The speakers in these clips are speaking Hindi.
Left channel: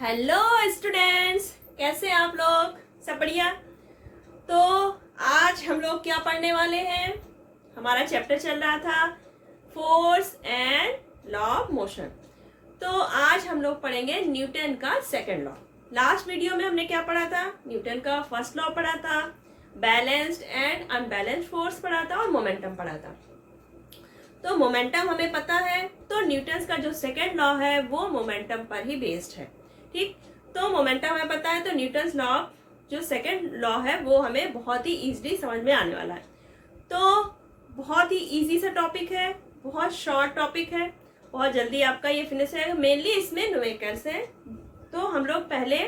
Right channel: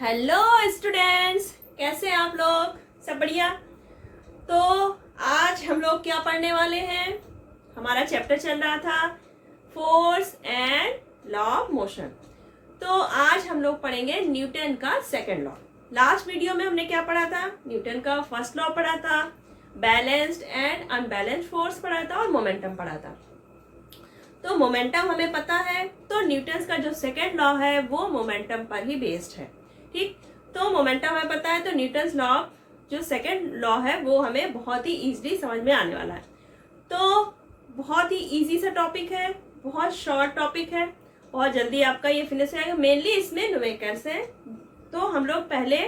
हेलो स्टूडेंट्स, कैसे हैं आप लोग? सब बढ़िया। तो आज हम लोग क्या पढ़ने वाले हैं? हमारा चैप्टर चल रहा था force and law of motion. तो आज हम लोग पढ़ेंगे न्यूटन का सेकंड लॉ। लास्ट वीडियो में हमने क्या पढ़ा था? न्यूटन का फर्स्ट लॉ पढ़ा था, बैलेंस्ड एंड अनबैलेंस्ड फोर्स पढ़ा था और मोमेंटम पढ़ा था। तो मोमेंटम हमें पता है, तो न्यूटन का जो सेकंड लॉ है वो मोमेंटम पर ही बेस्ड है। ठीक, तो मोमेंटम हमें पता है, तो न्यूटन लॉ जो सेकंड लॉ है वो हमें बहुत ही इजीली समझ में आने वाला है। तो बहुत ही इजी सा टॉपिक है, बहुत शॉर्ट टॉपिक है, बहुत जल्दी आपका ये फिनिश हो जाएगा। मेनली इसमें न्यूमेरिकल्स हैं, तो हम लोग पहले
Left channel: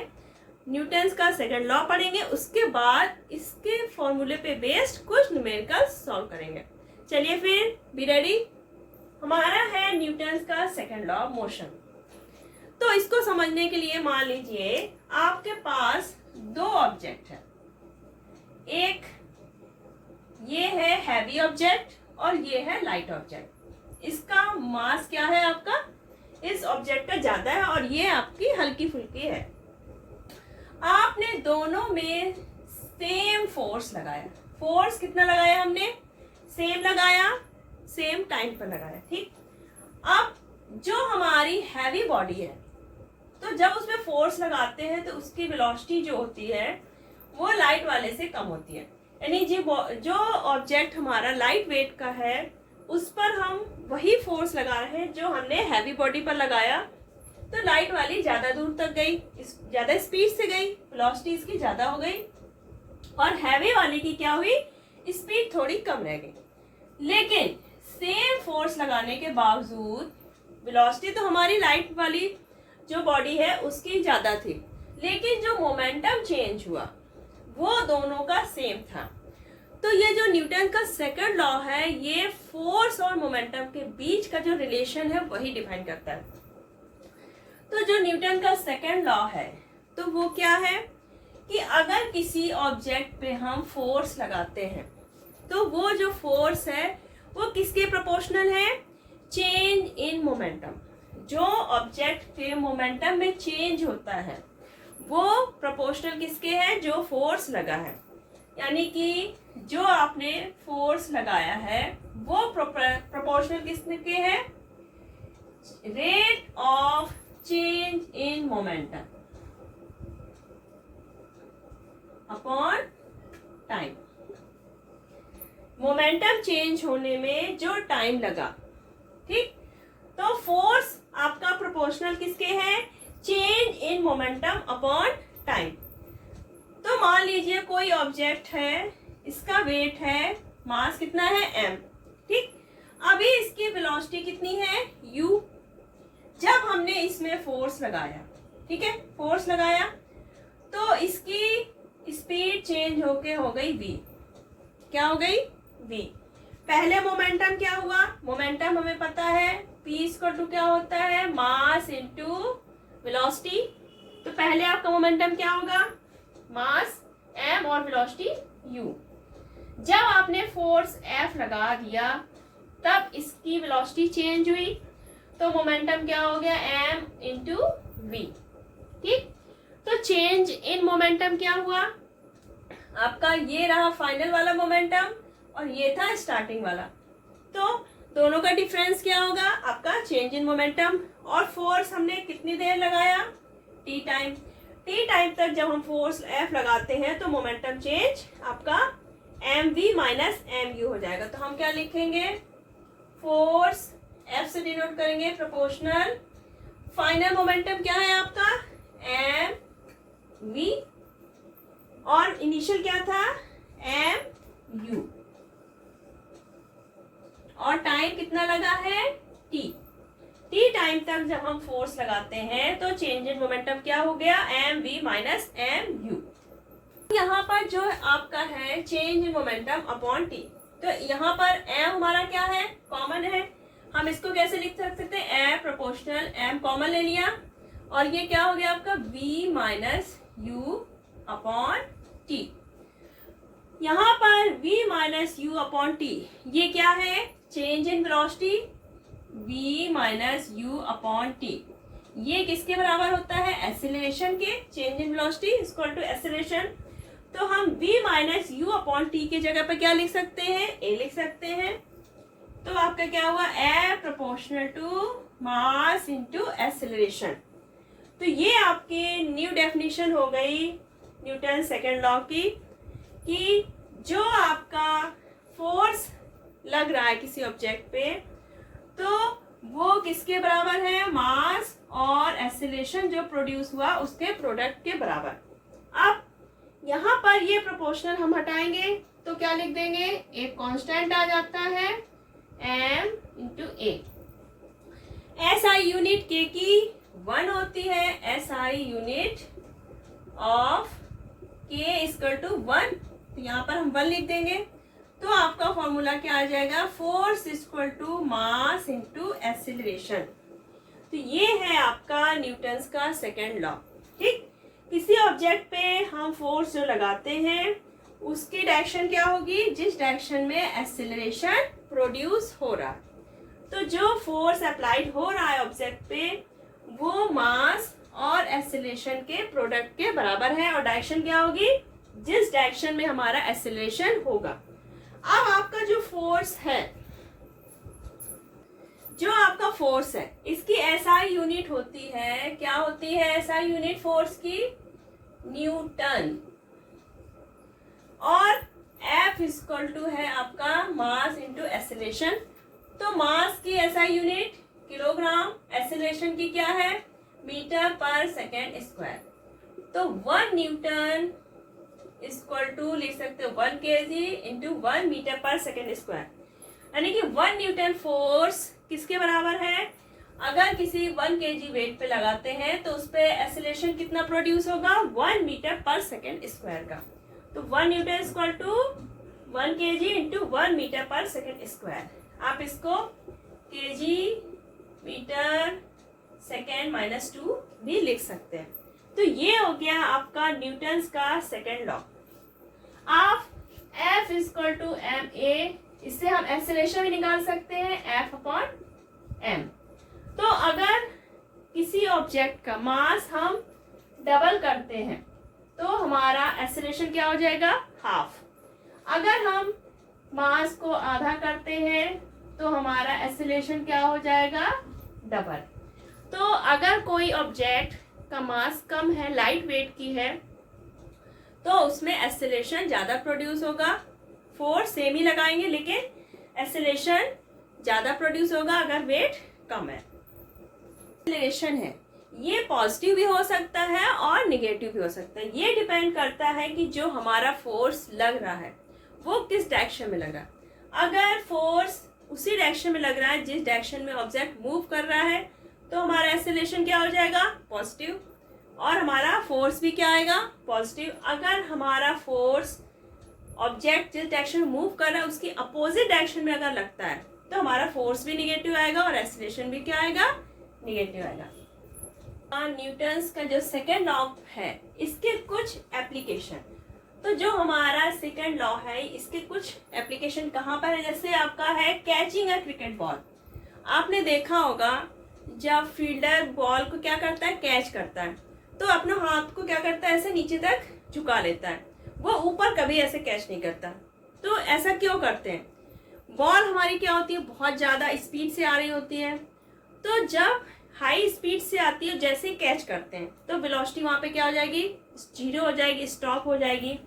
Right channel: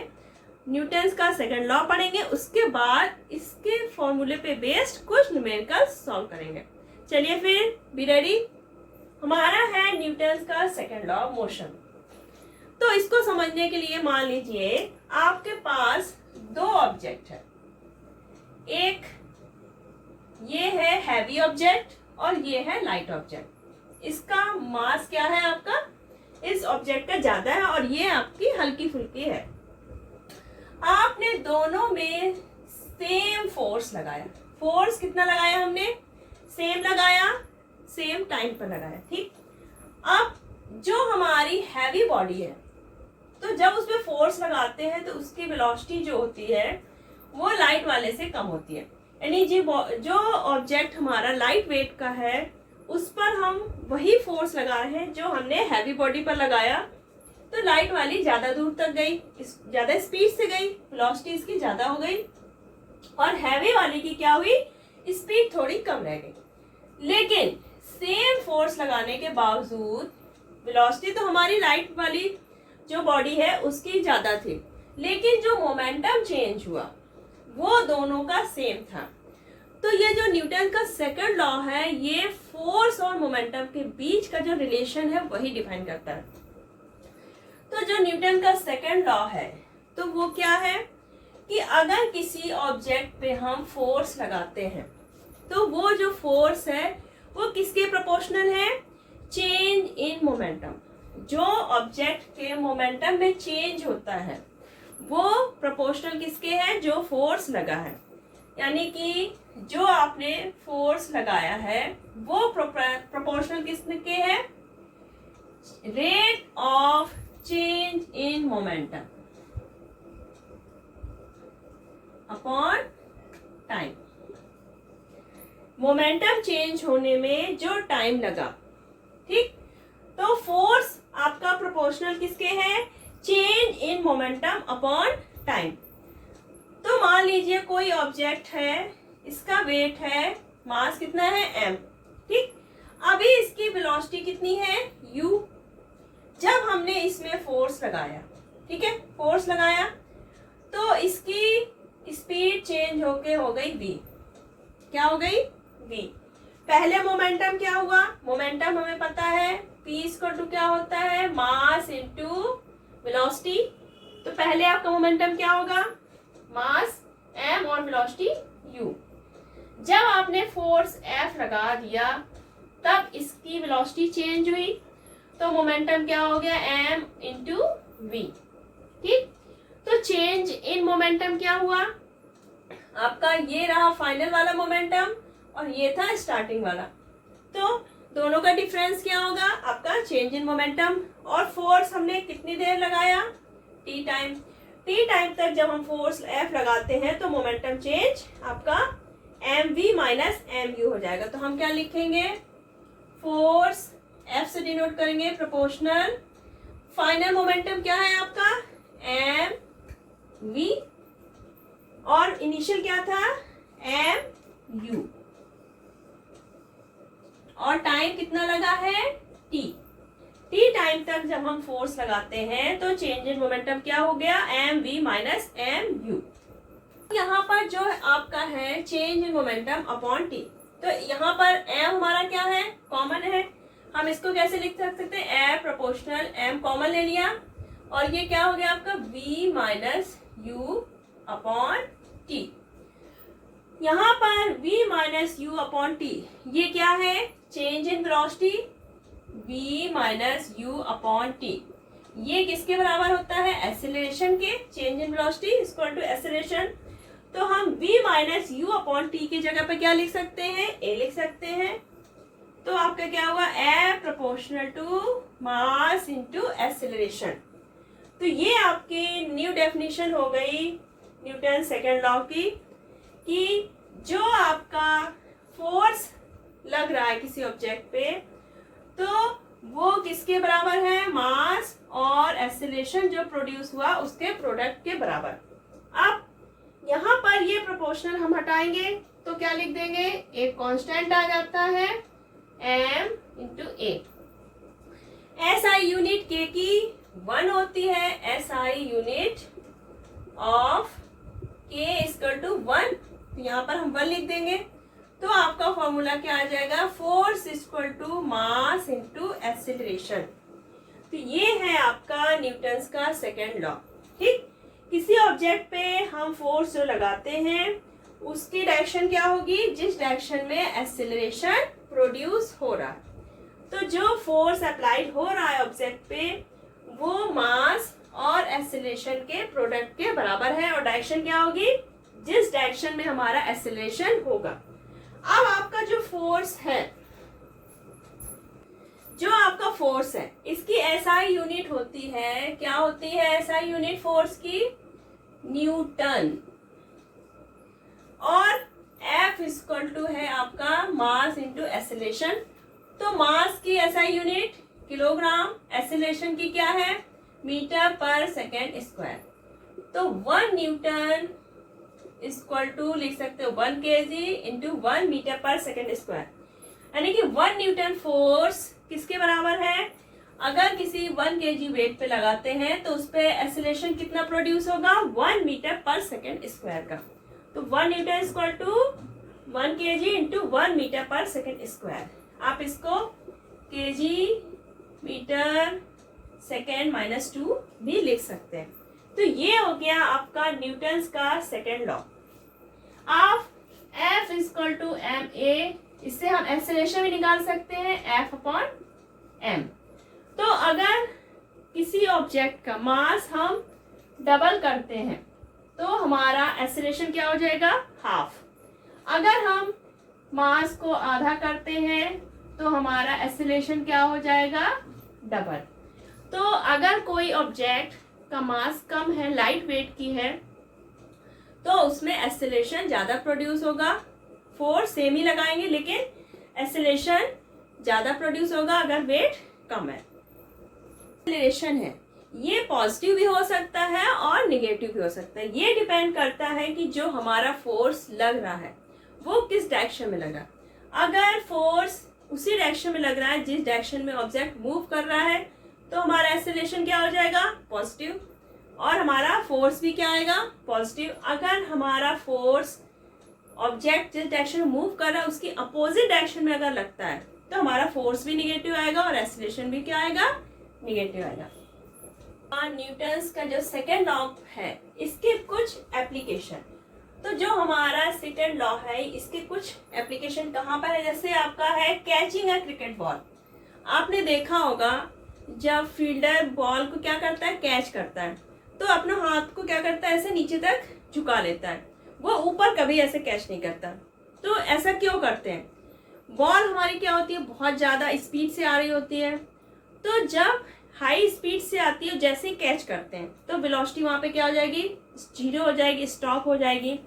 न्यूटन का सेकंड लॉ पढ़ेंगे, उसके बाद इसके फॉर्मूले पे बेस्ड कुछ न्यूमेरिकल्स सॉल्व करेंगे। चलिए फिर, बी रेडी। हमारा है न्यूटन का सेकंड लॉ ऑफ मोशन। तो इसको समझने के लिए मान लीजिए आपके पास दो ऑब्जेक्ट है। एक ये है हैवी ऑब्जेक्ट और ये है लाइट ऑब्जेक्ट। इसका मास क्या है आपका? इस ऑब्जेक्ट का ज्यादा है और ये आपकी हल्की फुल्की है। आपने दोनों में सेम फोर्स लगाया। फोर्स कितना लगाया हमने? सेम लगाया, सेम टाइम पर लगाया। ठीक, अब जो हमारी हैवी बॉडी है, तो जब उसमें फोर्स लगाते हैं तो उसकी वेलोसिटी जो होती है वो लाइट वाले से कम होती है। यानी जो ऑब्जेक्ट हमारा लाइट वेट का है उस पर हम वही फोर्स लगा रहे हैं जो हमने हैवी बॉडी पर लगाया। तो लाइट वाली ज्यादा दूर तक गई, ज्यादा स्पीड से गई, वेलोसिटी इसकी ज्यादा हो गई, और हैवी वाली की क्या हुई? स्पीड थोड़ी कम रह गई। लेकिन सेम फोर्स लगाने के बावजूद वेलोसिटी तो हमारी लाइट वाली जो बॉडी है उसकी ज्यादा थी, लेकिन जो मोमेंटम चेंज हुआ वो दोनों का सेम था। तो ये जो न्यूटन का सेकंड लॉ है ये फोर्स और मोमेंटम के बीच का जो रिलेशन है वही डिफाइन करता है। तो जो न्यूटन का सेकंड लॉ है तो वो क्या है कि अगर किसी ऑब्जेक्ट पे हम फोर्स लगाते हैं तो वो जो फोर्स है वो किसके प्रोपोर्शनल है? Change in momentum. जो ऑब्जेक्ट के मोमेंटम में चेंज होता है वो प्रोपोर्शनल किसके है? जो फोर्स लगा है। यानी कि जो आपने फोर्स लगाया है वो प्रोपोर्शनल किसके है? Rate of change in momentum upon time. Momentum change होने में जो टाइम लगा, ठीक, तो फोर्स आपका प्रोपोर्शनल किसके है? Change in momentum upon time. तो मान लीजिए कोई ऑब्जेक्ट है, इसका वेट है, मास कितना है? m। ठीक, अभी इसकी वेलोसिटी कितनी है? u। जब हमने इसमें फोर्स लगाया, ठीक है, फोर्स लगाया तो इसकी स्पीड चेंज होके हो गई v। क्या हो गई? v। पहले मोमेंटम क्या हुआ? मोमेंटम हमें पता है p इक्वल टू क्या होता है? Mass into velocity. तो पहले आपका मोमेंटम क्या होगा? मास m और वेलोसिटी u। जब आपने फोर्स F लगा दिया तब इसकी वेलोसिटी चेंज हुई, तो मोमेंटम क्या हो गया? m into v। ठीक, तो चेंज इन मोमेंटम क्या हुआ आपका? ये रहा फाइनल वाला मोमेंटम और ये था स्टार्टिंग वाला। तो दोनों का डिफरेंस क्या होगा आपका? Change in momentum. और फोर्स हमने कितनी देर लगाया? t time. t टाइम तक जब हम फोर्स F लगाते हैं तो मोमेंटम चेंज आपका mv माइनस mu हो जाएगा। तो हम क्या लिखेंगे? फोर्स F से डिनोट करेंगे प्रोपोर्शनल। फाइनल मोमेंटम क्या है आपका? mv, और इनिशियल क्या था? mu। और टाइम कितना लगा है? t। t टाइम तक जब हम फोर्स लगाते हैं तो चेंज इन मोमेंटम क्या हो गया? mv minus mu। यहाँ पर जो आपका है change in momentum upon t, तो यहाँ पर m हमारा क्या है? कॉमन है। हम इसको कैसे लिख सकते हैं? m प्रोपोर्शनल, m कॉमन ले लिया और ये क्या हो गया आपका? v minus u upon t। यहाँ पर v minus u upon t, ये क्या है? Change in velocity v minus u upon t. ये किसके बराबर होता है? एक्सीलरेशन के, change in velocity equal to acceleration. तो हम v minus u upon t की जगह पर क्या लिख सकते हैं? a लिख सकते हैं। तो आपका क्या हुआ? a proportional to mass into acceleration. तो ये आपकी न्यू डेफिनेशन हो गई न्यूटन सेकेंड लॉ की, कि जो आपका फोर्स लग रहा है किसी ऑब्जेक्ट पे, तो वो किसके बराबर है? मास और एक्सीलरेशन जो प्रोड्यूस हुआ उसके प्रोडक्ट के बराबर। अब यहाँ पर ये प्रोपोर्शनल हम हटाएंगे तो क्या लिख देंगे? एक कांस्टेंट आ जाता है m into a. SI unit के की 1 होती है, SI unit of k equal to 1। तो यहाँ पर हम 1 लिख देंगे। तो आपका फॉर्मूला क्या आ जाएगा? Force equal to mass into acceleration. तो ये है आपका न्यूटन्स का सेकेंड लॉ। ठीक, किसी ऑब्जेक्ट पे हम फोर्स जो लगाते हैं उसकी डायरेक्शन क्या होगी? जिस डायरेक्शन में एक्सीलरेशन प्रोड्यूस हो रहा है। तो जो फोर्स अप्लाइड हो रहा है ऑब्जेक्ट पे वो मास और एक्सीलरेशन के प्रोडक्ट के बराबर है, और डायरेक्शन क्या होगी? जिस डायरेक्शन में हमारा एक्सीलरेशन होगा। अब आपका जो फोर्स है, जो आपका फोर्स है, इसकी SI यूनिट होती है, क्या होती है SI यूनिट फोर्स की? न्यूटन। और F इक्वल टू है आपका मास इंटू एक्सीलरेशन। तो मास की SI यूनिट किलोग्राम, एक्सीलरेशन की क्या है? Metre per second square. तो 1 न्यूटन इक्वल टू लिख सकते हो 1 kg into 1 metre per second square, यानी कि 1 न्यूटन फोर्स किसके बराबर है? अगर किसी 1 kg वेट पे लगाते हैं तो उस पे एक्सीलरेशन कितना प्रोड्यूस होगा? 1 मीटर पर सेकेंड स्क्वायर का। तो 1 newton equal to 1 kg into 1 metre per second square. आप इसको kg मीटर सेकेंड माइनस 2 भी लिख सकते हैं। तो ये हो गया आपका न्यूटन्स का सेकेंड लॉ। आप F equal to m a, इससे हम एक्सीलरेशन भी निकाल सकते हैं F अपॉन m। तो अगर किसी ऑब्जेक्ट का मास हम डबल करते हैं तो हमारा एक्सीलरेशन क्या हो जाएगा? हाफ। अगर हम मास को आधा करते हैं तो हमारा एक्सीलरेशन क्या हो जाएगा? डबल। तो अगर कोई ऑब्जेक्ट का मास कम है, लाइट वेट की है, तो उसमें एक्सीलरेशन ज्यादा प्रोड्यूस होगा। फोर्स सेम ही लगाएंगे लेकिन एक्सीलरेशन ज्यादा प्रोड्यूस होगा अगर वेट कम है। एक्सीलरेशन है ये पॉजिटिव भी हो सकता है और निगेटिव भी हो सकता है। ये डिपेंड करता है कि जो हमारा फोर्स लग रहा है वो किस डायरेक्शन में लग रहा है। अगर फोर्स उसी डायरेक्शन में लग रहा है जिस डायरेक्शन में ऑब्जेक्ट मूव कर रहा है तो हमारा एक्सीलरेशन क्या हो जाएगा? पॉजिटिव। और हमारा फोर्स भी क्या आएगा? पॉजिटिव। अगर हमारा फोर्स ऑब्जेक्ट जिस डायरेक्शन में मूव कर रहा है उसकी अपोजिट डायरेक्शन में अगर लगता है तो हमारा फोर्स भी निगेटिव आएगा और एक्सीलरेशन भी क्या आएगा? निगेटिव आएगा। न्यूटन्स का जो सेकेंड लॉ है इसके कुछ एप्लीकेशन, तो जो हमारा सेकेंड लॉ है इसके कुछ एप्लीकेशन कहाँ पर है? जैसे आपका है कैचिंग अ क्रिकेट बॉल। आपने देखा होगा जब फील्डर बॉल को क्या करता है? कैच करता है, तो अपने हाथ को क्या करता है? ऐसे नीचे तक झुका लेता है, वो ऊपर कभी ऐसे कैच नहीं करता। तो ऐसा क्यों करते हैं? बॉल हमारी क्या होती है? बहुत ज्यादा स्पीड से आ रही होती है, तो जब हाई स्पीड से आती है जैसे ही कैच करते हैं तो वेलोसिटी वहां पे क्या हो जाएगी? जीरो हो जाएगी, स्टॉप हो जाएगी।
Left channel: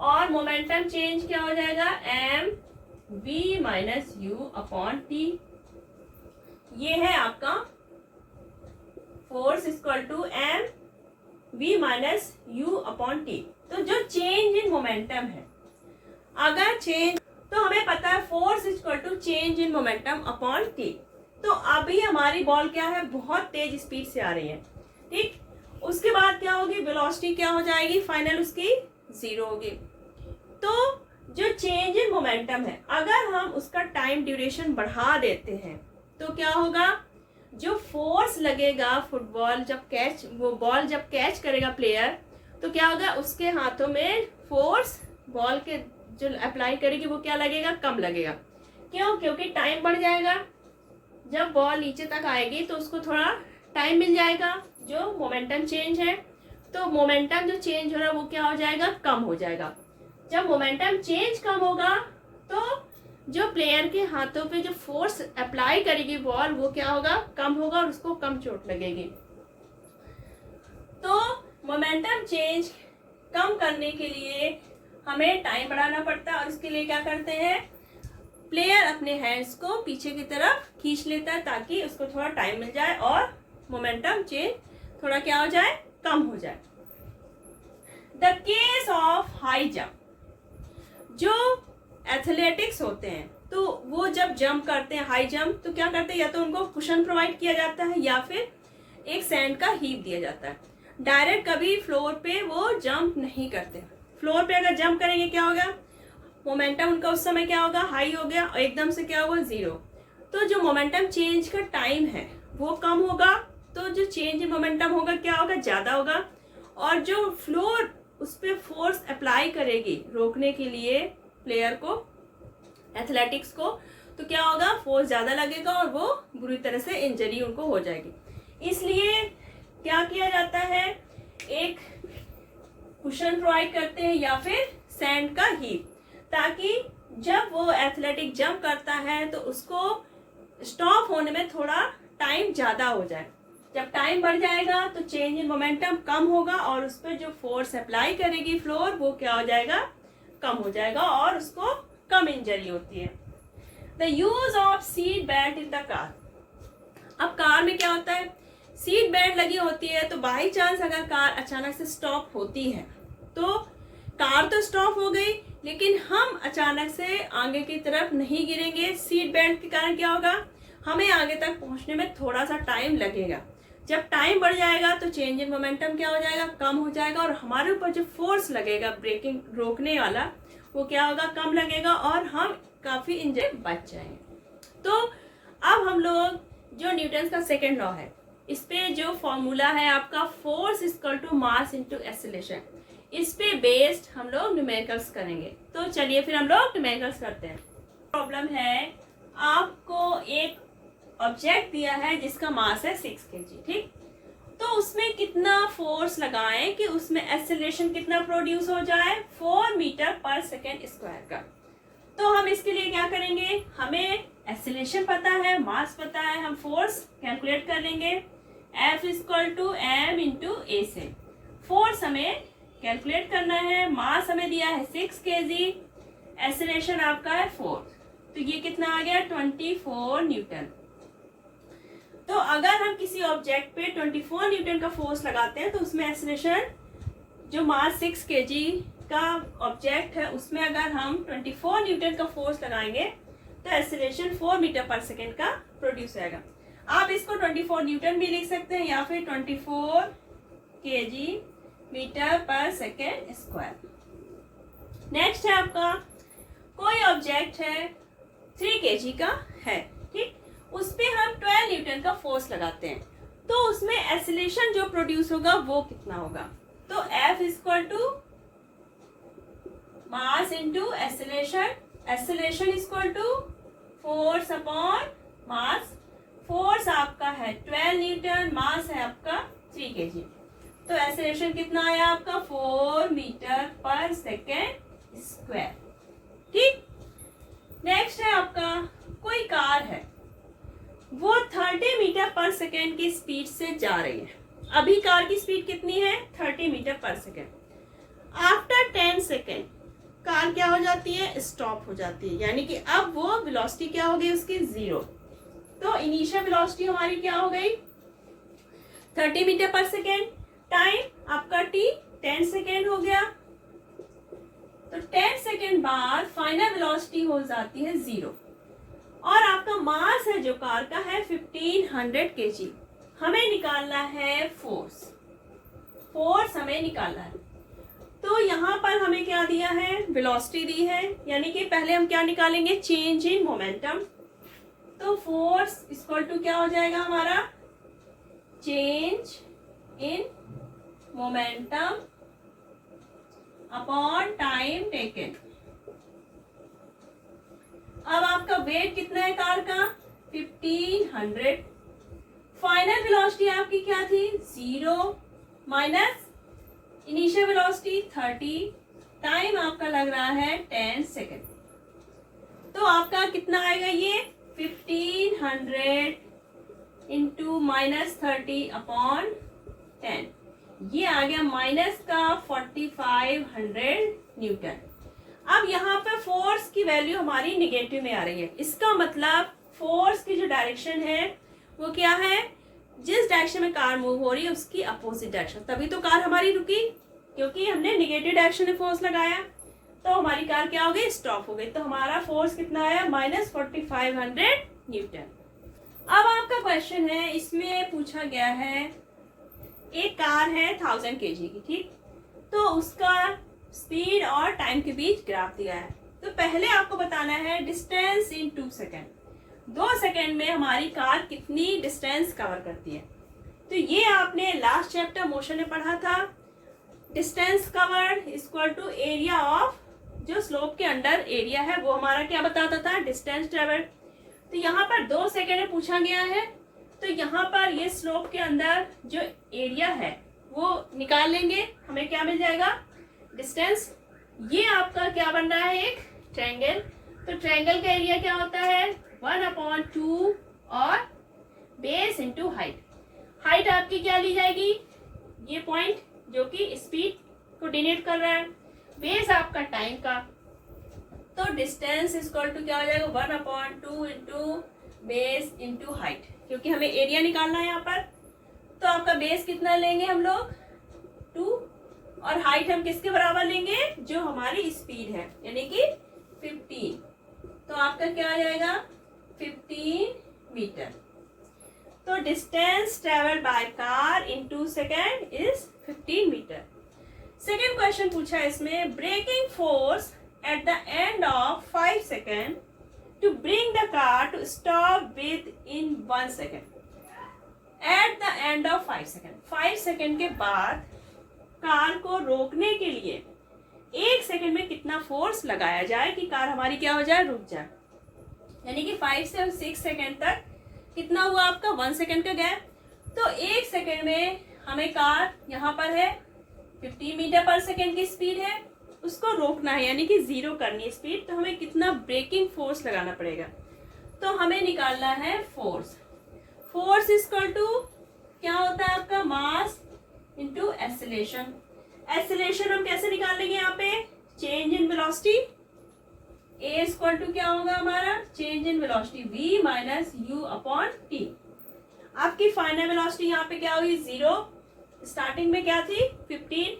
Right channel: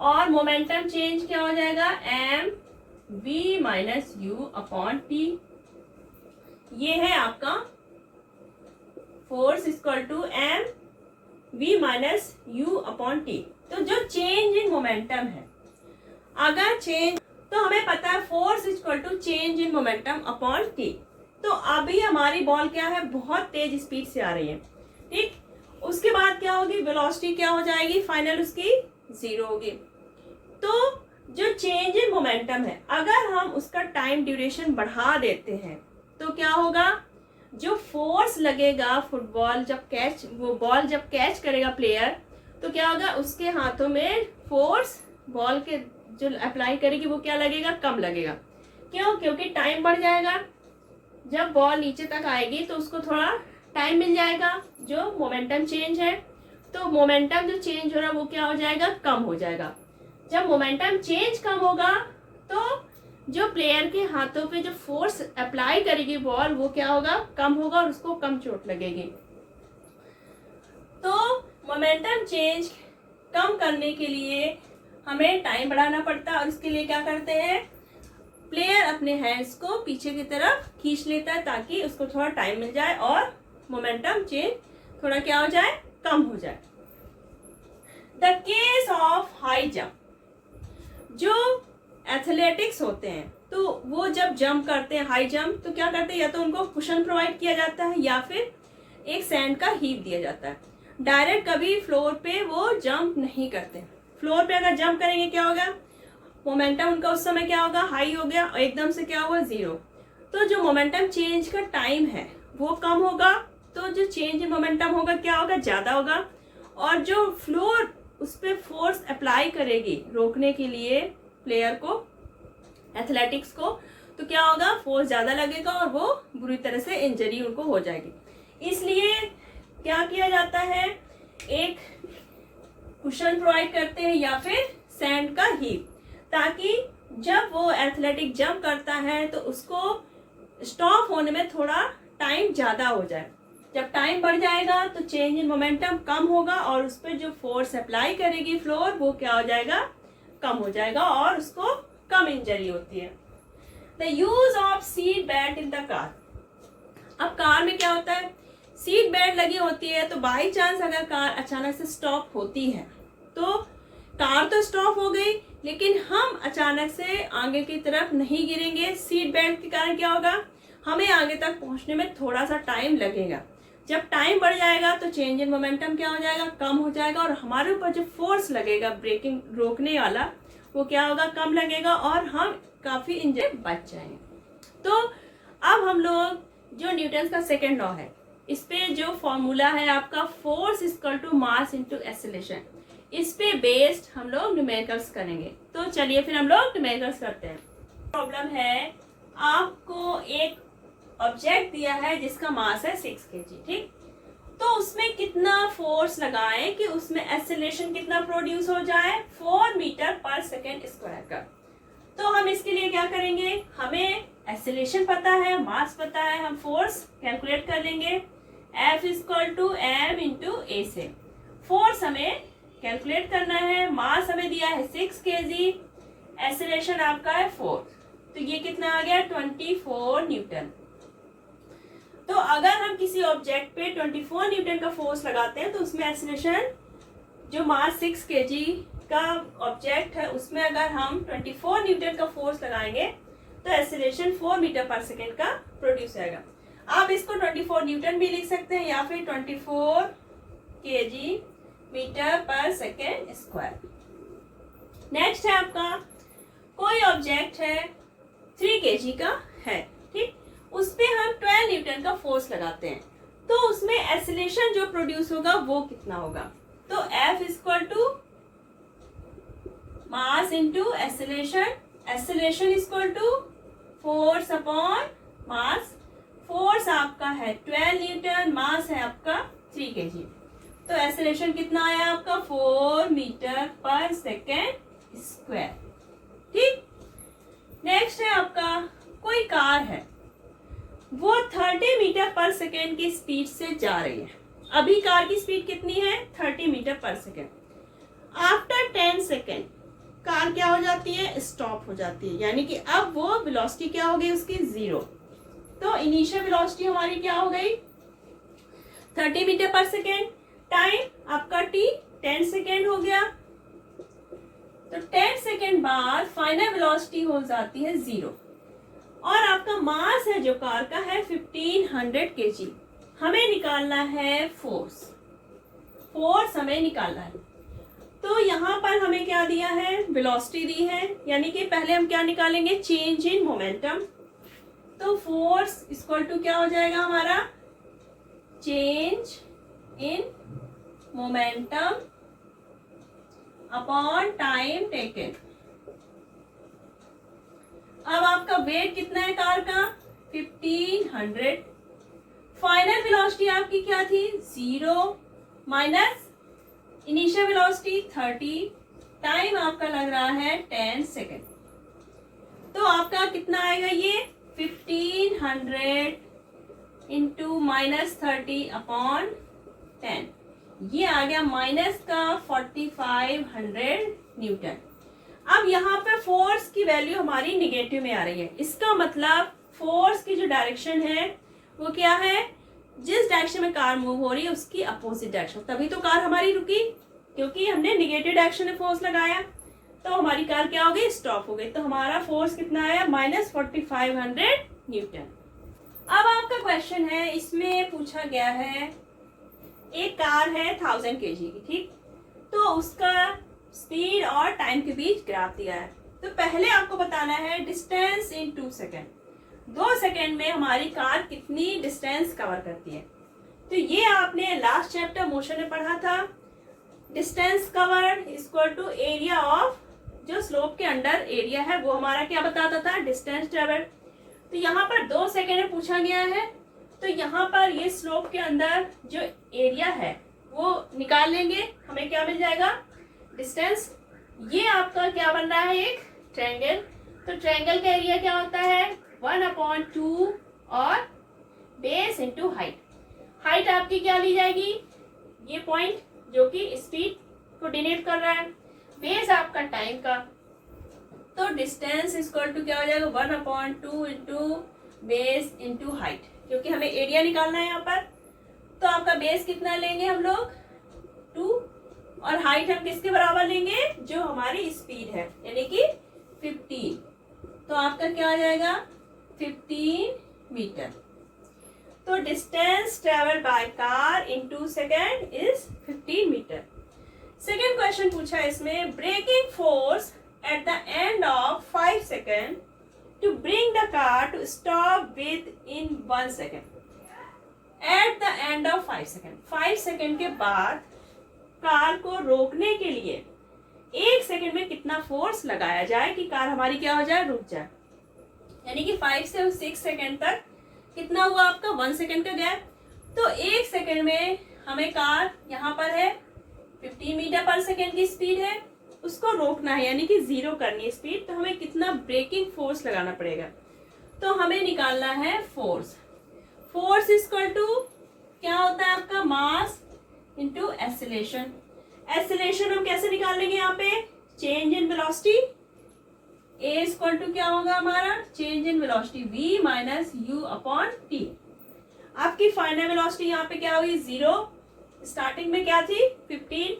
और मोमेंटम चेंज क्या हो जाएगा? M v minus u upon t. ये है आपका force equal to m v minus u upon t. तो जो चेंज इन मोमेंटम है, अगर चेंज, तो हमें पता है force equal to change in momentum upon t. तो अभी हमारी बॉल क्या है? बहुत तेज स्पीड से आ रही है, ठीक। उसके बाद क्या होगी? वेलोसिटी क्या हो जाएगी? फाइनल उसकी जीरो होगी। तो जो चेंज इन मोमेंटम है अगर हम उसका टाइम ड्यूरेशन बढ़ा देते हैं तो क्या होगा? जो फोर्स लगेगा फुटबॉल जब कैच, वो बॉल जब कैच करेगा प्लेयर, तो क्या होगा? उसके हाथों में फोर्स बॉल के जो अप्लाई करेगी वो क्या लगेगा? कम लगेगा। क्यों? क्योंकि टाइम बढ़ जाएगा। जब बॉल नीचे तक आएगी तो उसको थोड़ा टाइम मिल जाएगा जो मोमेंटम चेंज है। तो मोमेंटम जो चेंज हो रहा है वो क्या हो जाएगा, कम हो जाएगा। जब मोमेंटम चेंज कम होगा तो जो प्लेयर के हाथों पे जो फोर्स अप्लाई करेगी बॉल वो क्या होगा, कम होगा और उसको कम चोट लगेगी। तो मोमेंटम चेंज कम करने के लिए हमें टाइम बढ़ाना पड़ता है और उसके लिए क्या करते हैं, प्लेयर अपने हैंड्स को पीछे की तरफ खींच लेता है ताकि उसको थोड़ा टाइम मिल जाए और मोमेंटम चेंज थोड़ा क्या हो जाए, कम हो जाए। The case of high jump, जो एथलेटिक्स होते हैं तो वो जब जंप करते हैं हाई जंप तो क्या करते हैं, या तो उनको कुशन प्रोवाइड किया जाता है या फिर एक सैंड का हीप दिया जाता है। डायरेक्ट कभी फ्लोर पे वो जंप नहीं करते। फ्लोर पे अगर जंप करेंगे क्या होगा, मोमेंटम उनका उस समय क्या होगा, हाई हो गया और एकदम से क्या हुआ, जीरो। तो जो मोमेंटम चेंज का टाइम है वो कम होगा, तो जो चेंज इन मोमेंटम होगा क्या होगा, ज्यादा होगा। और जो फ्लोर उस पर फोर्स अप्लाई करेगी रोकने के लिए प्लेयर को, एथलेटिक्स को, तो क्या होगा, फोर्स ज्यादा लगेगा और वो बुरी तरह से इंजरी उनको हो जाएगी। इसलिए क्या किया जाता है, एक कुशन प्रोवाइड करते हैं या फिर सैंड का हीप, ताकि जब वो एथलेटिक जंप करता है तो उसको स्टॉप होने में थोड़ा टाइम ज्यादा हो जाए। जब टाइम बढ़ जाएगा तो चेंज इन मोमेंटम कम होगा और उस पर जो फोर्स अप्लाई करेगी फ्लोर वो क्या हो जाएगा, कम हो जाएगा और उसको कम इंजरी होती है। The use of seat belt in the car, अब कार में क्या होता है, सीट बेल्ट लगी होती है तो बाई चांस अगर कार अचानक से स्टॉप होती है तो कार तो स्टॉप हो गई लेकिन हम अचानक से आगे की तरफ नहीं गिरेंगे। सीट बेल्ट के कारण क्या होगा, हमें आगे तक पहुंचने में थोड़ा सा टाइम लगेगा। जब टाइम बढ़ जाएगा तो चेंज इन मोमेंटम क्या हो जाएगा, कम हो जाएगा और हमारे ऊपर जो फोर्स लगेगा ब्रेकिंग रोकने वाला वो क्या होगा, कम लगेगा और हम काफी इंजरी बच जाएंगे। तो अब हम लोग जो न्यूटन का सेकेंड लॉ है इस पे जो फॉर्मूला है आपका, force equal to mass into acceleration, इस पे बेस्ड हम लोग न्यूमेरिकल्स करेंगे। तो चलिए फिर हम लोग न्यूमेरिकल्स करते हैं। प्रॉब्लम है, आपको एक ऑब्जेक्ट दिया है जिसका मास है 6 kg, ठीक, तो उसमें कितना फोर्स लगाएं कि उसमें एक्सेलरेशन कितना प्रोड्यूस हो जाए, 4 मीटर पर सेकेंड स्क्वायर का। तो हम इसके लिए क्या करेंगे, हमें एक्सेलरेशन पता है, मास पता है, हम फोर्स कैलकुलेट कर लेंगे। F equal to M into A से फोर्स हमें कैलकुलेट करना है, मास हमें दिया है 6 kg, एक्सेलरेशन आपका है 4, तो ये कितना आ गया 24 न्यूटन। तो अगर हम किसी ऑब्जेक्ट पे 24 न्यूटन का फोर्स लगाते हैं तो उसमें एक्सेलरेशन, जो मास 6 kg का ऑब्जेक्ट है उसमें अगर हम 24 न्यूटन का फोर्स लगाएंगे तो एक्सेलरेशन 4 मीटर पर सेकेंड का प्रोड्यूस आएगा। आप इसको 24 न्यूटन भी लिख सकते हैं या फिर 24 kg metre per second square. Next है आपका, कोई ऑब्जेक्ट है 3 kg का है, ठीक, उस पे हम 12 न्यूटन का फोर्स लगाते हैं तो उसमें एक्सेलरेशन जो प्रोड्यूस होगा वो कितना होगा। तो F equal to mass into acceleration, acceleration equal to force upon mass. Force आपका है 12 न्यूटन, मास है आपका 3 kg, तो एक्सेलरेशन कितना आया आपका 4 मीटर पर सेकेंड स्क्वायर, ठीक। नेक्स्ट है आपका, कोई कार है वो 30 मीटर पर सेकेंड की स्पीड से जा रही है। अभी कार की स्पीड कितनी है, 30 metre per second. After 10 second car क्या हो जाती है, स्टॉप हो जाती है, यानी कि अब वो वेलोसिटी क्या हो गई उसकी 0। तो इनिशियल वेलोसिटी हमारी क्या हो गई 30 मीटर पर सेकेंड, टाइम आपका t 10 सेकेंड हो गया, तो 10 सेकेंड बाद फाइनल वेलोसिटी हो जाती है 0 और आपका मास है जो कार का है 1500 kg। हमें निकालना है फोर्स, फोर्स हमें निकालना है। तो यहाँ पर हमें क्या दिया है, वेलोसिटी दी है, यानी कि पहले हम क्या निकालेंगे, चेंज इन मोमेंटम। तो फोर्स इक्वल टू क्या हो जाएगा हमारा, change in momentum upon time taken. अब आपका वेट कितना है कार का 1500, फाइनल वेलोसिटी आपकी क्या थी 0 माइनस इनिशियल वेलोसिटी 30, टाइम आपका लग रहा है 10 सेकेंड। तो आपका कितना आएगा ये 1500 इंटू माइनस 30 अपॉन 10, ये आ गया माइनस का 4500 न्यूटन। अब यहाँ पर फोर्स की वैल्यू हमारी निगेटिव में आ रही है, इसका मतलब फोर्स की जो डायरेक्शन है वो क्या है, जिस डायरेक्शन में कार मूव हो रही है उसकी अपोजिट डायरेक्शन। तभी तो कार हमारी रुकी, क्योंकि हमने निगेटिव डायरेक्शन में फोर्स लगाया, तो हमारी कार क्या हो गई, स्टॉप हो गई। तो हमारा फोर्स कितना आया माइनस 4500 न्यूटन। अब आपका क्वेश्चन है, इसमें पूछा गया है एक कार है 1000 kg की, ठीक, तो उसका स्पीड और टाइम के बीच ग्राफ दिया है। तो पहले आपको बताना है डिस्टेंस इन 2 सेकेंड, 2 सेकेंड में हमारी कार कितनी डिस्टेंस कवर करती है। तो ये आपने लास्ट चैप्टर मोशन में पढ़ा था, distance covered equal to area of, जो स्लोप के अंडर एरिया है वो हमारा क्या बताता था, डिस्टेंस ट्रेवल्ड। तो यहाँ पर 2 सेकेंड में पूछा गया है, तो यहाँ पर ये स्लोप के अंदर जो एरिया है वो निकाल लेंगे, हमें क्या मिल जाएगा, डिस्टेंस। ये आपका क्या बन रहा है, एक ट्रायंगल। तो ट्रायंगल का एरिया क्या होता है 1/2 और बेस इंटू हाइट। हाइट आपकी क्या ली जाएगी, ये पॉइंट जो कि स्पीड को डिनोट कर रहा है, बेस आपका टाइम का। तो डिस्टेंस इक्वल टू क्या हो जाएगा 1/2 इंटू बेस इंटू हाइट, क्योंकि हमें एरिया निकालना है यहाँ पर। तो आपका बेस कितना लेंगे हम लोग 2, और हाइट हम किसके बराबर लेंगे, जो हमारी स्पीड है यानी कि 15। तो आपका क्या आ जाएगा 15 मीटर। तो distance travelled by car in 2 second is 15 metre. Second question पूछा है इसमें, braking force at the end of 5 second to bring the car to stop within 1 second. At the end of 5 second, 5 second के बाद कार को रोकने के लिए 1 सेकेंड में कितना फोर्स लगाया जाए कि कार हमारी क्या हो जाए, रुक जाए। यानी कि 5 से 6 सेकेंड तक कितना हुआ आपका 1 सेकेंड का गैप। तो 1 सेकेंड में हमें कार यहाँ पर है 15 मीटर पर सेकेंड की स्पीड है, उसको रोकना है यानी कि 0 करनी है स्पीड। तो हमें कितना ब्रेकिंग फोर्स लगाना पड़ेगा, तो हमें निकालना है फोर्स। फोर्स इक्वल टू क्या होता है आपका, मास इंटू एक्सेलरेशन। एक्सेलरेशन हम कैसे निकाल लेंगे, यहाँ पे change in velocity, a equal to क्या होगा हमारा, change in velocity v minus u upon t. आपकी फाइनल वेलोसिटी यहाँ पे क्या हुई 0, स्टार्टिंग में क्या थी 15,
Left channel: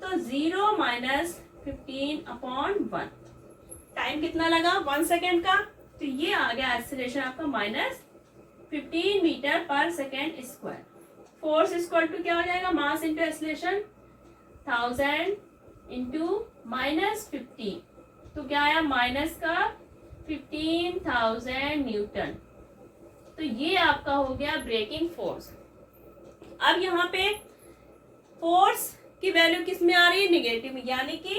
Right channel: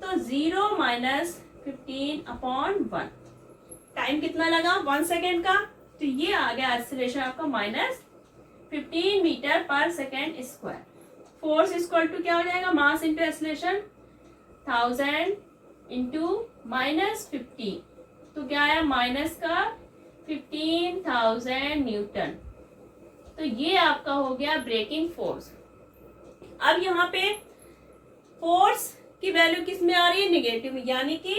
तो 0 माइनस 15 अपॉन 1, टाइम कितना लगा 1 सेकेंड का। तो ये आ गया एक्सेलरेशन आपका minus 15 metre per second square. Force equal to क्या हो जाएगा, mass into acceleration 1000 into minus 15, तो क्या आया माइनस का 15,000 न्यूटन। तो ये आपका हो गया ब्रेकिंग फोर्स। अब यहाँ पे फोर्स की वैल्यू किस में आ रही है, निगेटिव में, यानी कि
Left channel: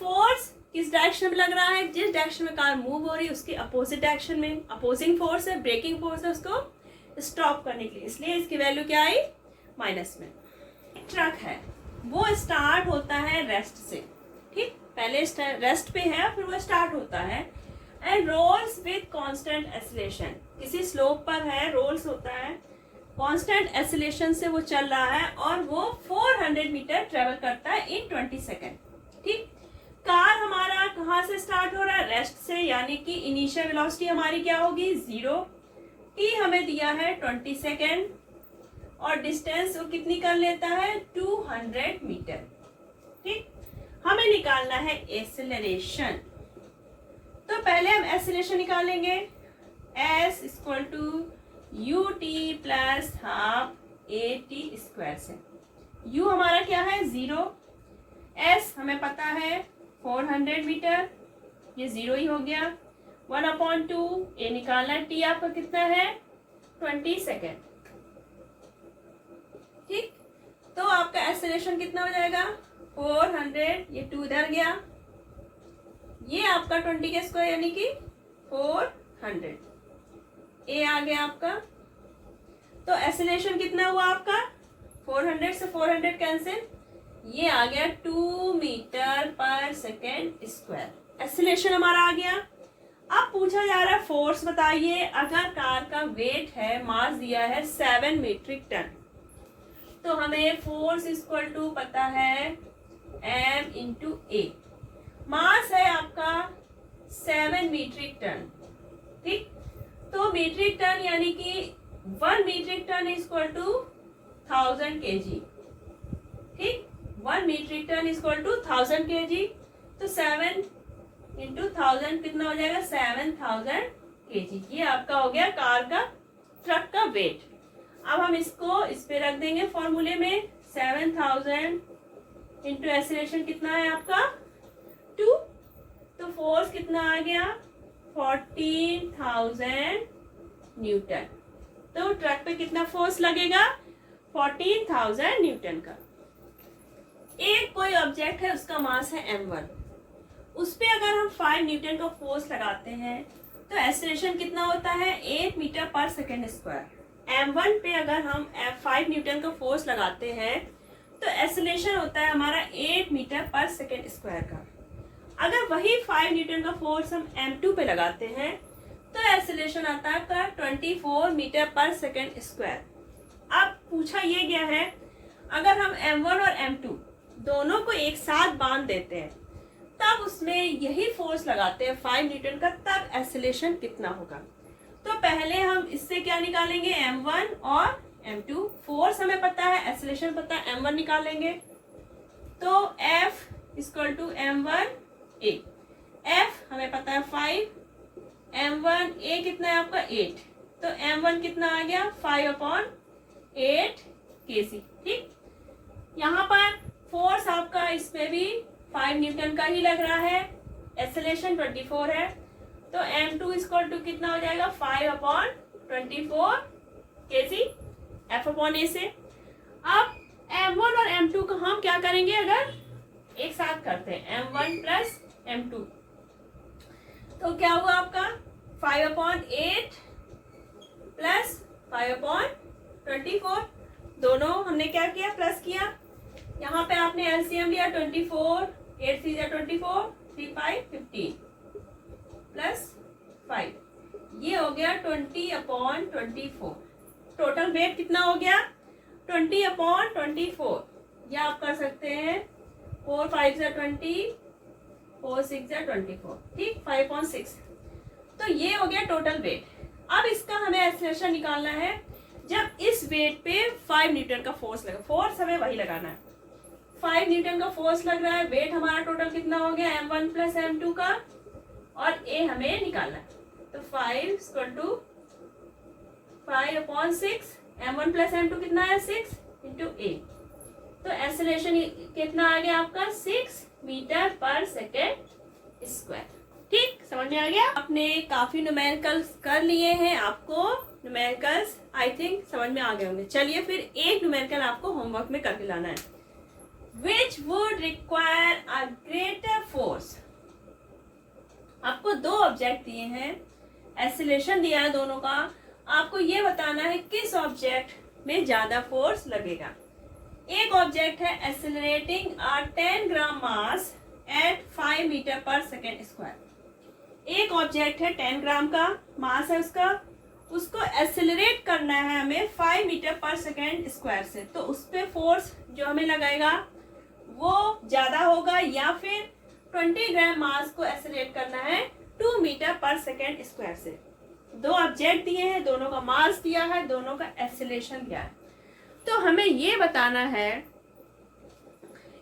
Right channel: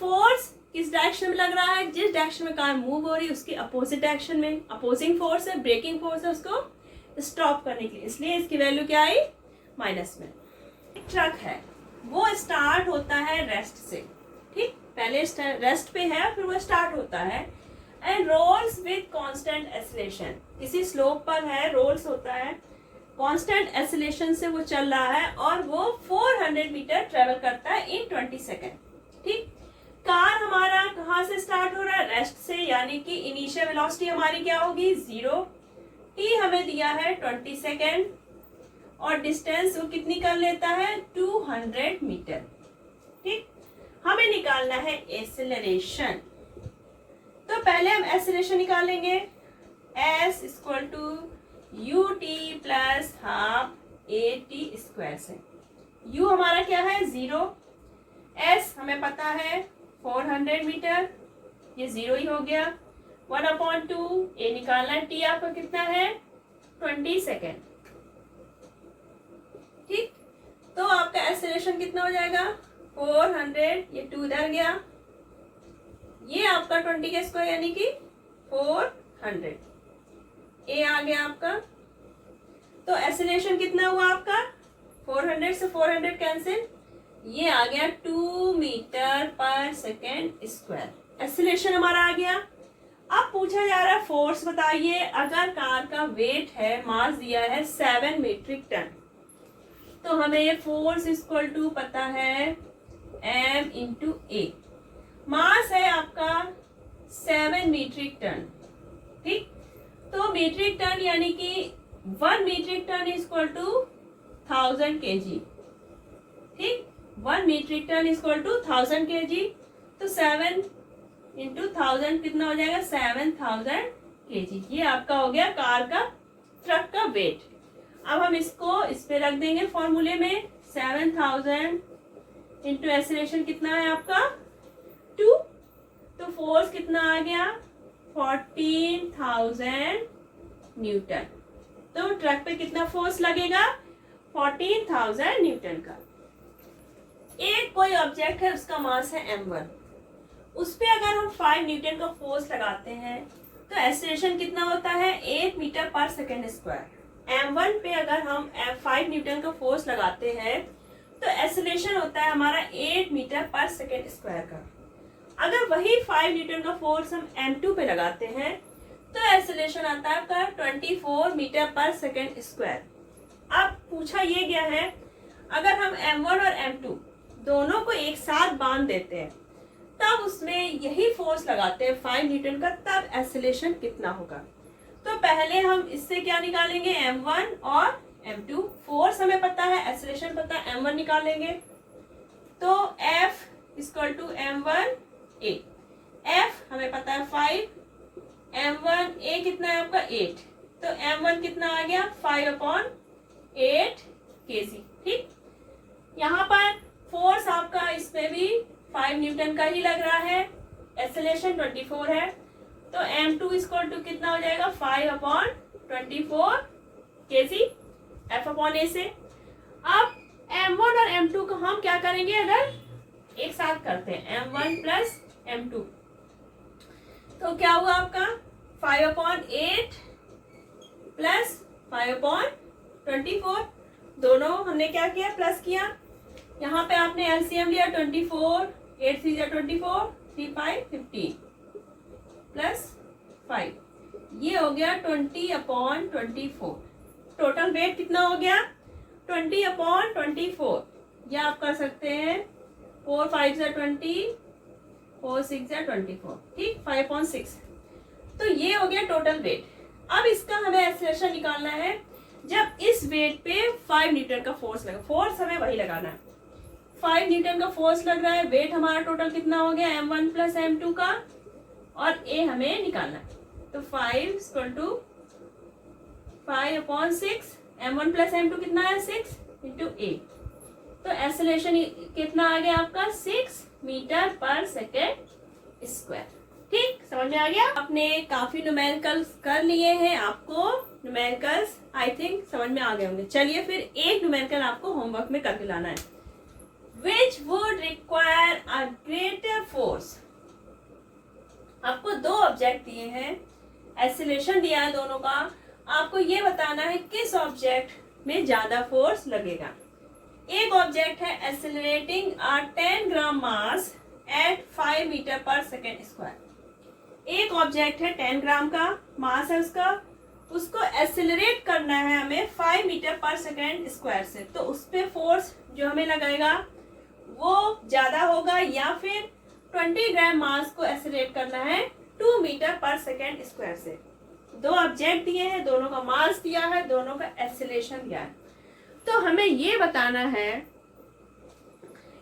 फोर्स किस डायरेक्शन में लग रहा है, जिस डायरेक्शन में कार मूव हो रही है उसके अपोजिट डायरेक्शन में अपोजिंग फोर्स है, ब्रेकिंग फोर्स है उसको स्टॉप करने के लिए, इसलिए इसकी वैल्यू क्या आई माइनस में। ट्रक है वो स्टार्ट होता है रेस्ट से, ठीक, पहले रेस्ट पे है फिर वो स्टार्ट होता है, and rolls with constant acceleration, किसी स्लोप पर है, रोल्स होता है, कांस्टेंट एक्सेलरेशन से वो चल रहा है और वो 400 मीटर ट्रेवल करता है इन 20 सेकेंड, ठीक। कार हमारा कहाँ से स्टार्ट हो रहा है, रेस्ट से, यानी कि इनिशियल वेलोसिटी हमारी क्या होगी 0, टी हमें दिया है 20 सेकेंड, और डिस्टेंस वो कितनी कर लेता है 200 मीटर, ठीक। हमें निकालना है एक्सेलरेशन, तो पहले हम एक्सेलरेशन निकालेंगे, s equal to u t plus half a t square से। u हमारा क्या है 0, s हमें पता है 400 मीटर, ये 0 ही हो गया, 1/2 ए निकालना, t आपका कितना है 20 सेकेंड, ठीक। तो आपका एक्सेलरेशन कितना हो जाएगा 400, ये 2 इधर गया, ये आपका 20 का स्क्वायर यानी कि 400, ए आ गया आपका। तो एक्सेलरेशन कितना हुआ आपका 400 से 400 कैंसिल, ये आ गया 2 metre per second square. Acceleration हमारा आ गया। अब पूछा जा रहा है फोर्स बताइए। अगर कार का वेट है, मास दिया है 7 मीट्रिक टन, तो हमें फोर्स इक्वल टू पता है m इंटू ए। मास है आपका 7 मीट्रिक टन, ठीक। तो मीट्रिक टन यानी कि 1 metric ton equal to 1000 kg, ठीक। 1 metric ton equal to 1000 kg। तो 7 इंटू 1000 कितना हो जाएगा 7000 kg। ये आपका हो गया कार का, ट्रक का वेट। अब हम इसको इस पे रख देंगे फॉर्मूले में। 7000 इंटू एक्सेलरेशन कितना है आपका 2, तो फोर्स कितना आ गया 14000 न्यूटन। तो ट्रक पे कितना फोर्स लगेगा 14000 न्यूटन का। एक कोई ऑब्जेक्ट है, उसका मास है m1, उस पे अगर हम 5 न्यूटन का फोर्स लगाते हैं तो एक्सेलरेशन कितना होता है 8 metre per second square. m1 पे अगर हम 5 न्यूटन का फोर्स लगाते हैं तो एक्सेलरेशन होता है हमारा 8 मीटर पर सेकेंड स्क्वायर का। अगर वही 5 न्यूटन का फोर्स हम m2 पे लगाते हैं तो एक्सेलरेशन आता है आपका 24 मीटर पर सेकेंड स्क्वायर। अब पूछा ये गया है अगर हम m1 और m2 दोनों को एक साथ बांध देते हैं तब उसमें यही फोर्स लगाते हैं 5 न्यूटन का, तब एक्सेलरेशन कितना होगा। तो पहले हम इससे क्या निकालेंगे m1 और m2। फोर्स हमें पता है, एक्सेलरेशन पता है, m1 निकालेंगे तो F equal to m1 a। F हमें पता है 5, m1 a कितना है आपका 8, तो m1 कितना आ गया 5/8 kg, ठीक। यहाँ पर फोर्स आपका इसमें भी 5 न्यूटन का ही लग रहा है, एक्सेलरेशन 24 है, तो m2 इक्वल टू कितना हो जाएगा 5/24 kg F/a से। अब m1 और m2 को हम क्या करेंगे अगर एक साथ करते हैं m1 प्लस m2, तो क्या हुआ आपका 5/8 प्लस 5/24। दोनों हमने क्या किया प्लस किया। यहाँ पे आपने एलसीएम लिया 24, 8 3 जा 24, 3 5 15 प्लस 5, ये हो गया 20/24। टोटल वेट कितना हो गया 20/24। या आप कर सकते हैं 4 5 जा 20, 4 6 जा 24, ठीक 5/6। तो ये हो गया टोटल वेट। अब इसका हमें एक्सेलरेशन निकालना है जब इस वेट पे 5 न्यूटन का फोर्स लगा। फोर्स हमें वही लगाना है, 5 न्यूटन का फोर्स लग रहा है। वेट हमारा टोटल कितना हो गया m1 प्लस m2 का, और a हमें निकालना है। तो 5 equal to 5/6, m1 plus m2 कितना है 6 इंटू a। तो एक्सेलरेशन कितना आ गया आपका 6 मीटर पर सेकेंड स्क्वायर, ठीक। समझ में आ गया। आपने काफी न्यूमेरिकल्स कर लिए हैं, आपको न्यूमेरिकल्स आई थिंक समझ में आ गए होंगे। चलिए फिर एक न्यूमेरिकल आपको होमवर्क में करके लाना है। Which would require a greater force। आपको दो ऑब्जेक्ट दिए हैं, एक्सेलरेशन दिया है दोनों का, आपको ये बताना है किस ऑब्जेक्ट में ज्यादा फोर्स लगेगा। एक ऑब्जेक्ट है accelerating a 10 gram mass at 5 metre per second square. एक ऑब्जेक्ट है 10 ग्राम का मास है उसका, उसको एक्सेलरेट करना है हमें 5 मीटर पर सेकेंड स्क्वायर से। तो उस पे फोर्स जो हमें लगाएगा वो ज्यादा होगा, या फिर 20 ग्राम मास को एक्सेलरेट करना है 2 मीटर पर सेकेंड स्क्वायर से। दो ऑब्जेक्ट दिए हैं, दोनों का मास दिया है, दोनों का एक्सेलरेशन दिया है। तो हमें ये बताना है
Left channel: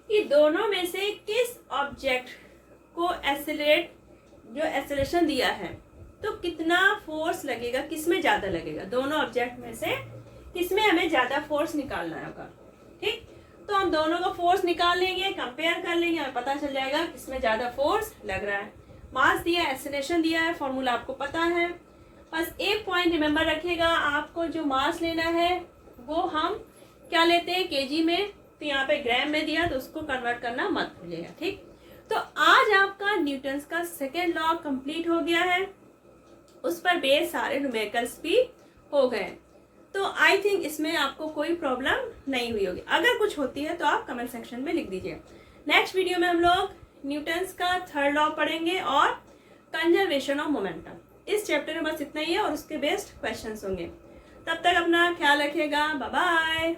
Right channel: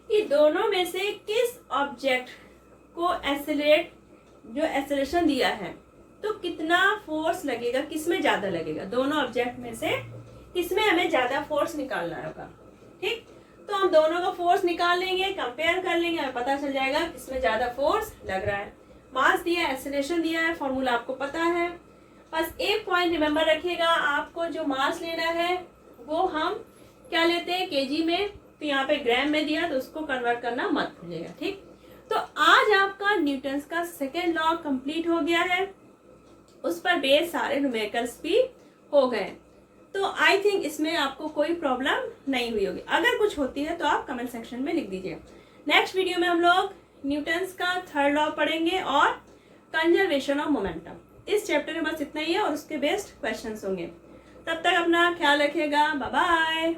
कि दोनों में से किस ऑब्जेक्ट को जो एक्सेलरेशन दिया है तो कितना फोर्स लगेगा, किसमें ज्यादा लगेगा। दोनों ऑब्जेक्ट में से किसमें हमें ज्यादा फोर्स निकालना होगा, ठीक। तो हम दोनों का फोर्स निकाल लेंगे, कंपेयर कर लेंगे, हमें पता चल जाएगा किसमें ज्यादा फोर्स लग रहा है। मास दिया है, एक्सेलरेशन दिया है, फॉर्मूला आपको पता है। बस एक पॉइंट रिमेम्बर रखिएगा, आपको जो मास लेना है वो हम क्या लेते हैं केजी में, तो यहाँ पे ग्राम में दिया तो उसको कन्वर्ट करना मत भूलिएगा, ठीक। तो आज आपका न्यूटन्स का सेकेंड लॉ कंप्लीट हो गया है, उस पर बेस सारे न्यूमेरिकल्स भी हो गए। तो आई थिंक इसमें आपको कोई प्रॉब्लम नहीं हुई होगी। अगर कुछ होती है तो आप कमेंट सेक्शन में लिख दीजिए। नेक्स्ट वीडियो में हम लोग न्यूटन्स का थर्ड लॉ पढ़ेंगे और कंजर्वेशन ऑफ मोमेंटम। इस चैप्टर में बस इतना ही है और उसके बेस्ड क्वेश्चंस होंगे। तब तक अपना ख्याल रखिएगा। Bye bye.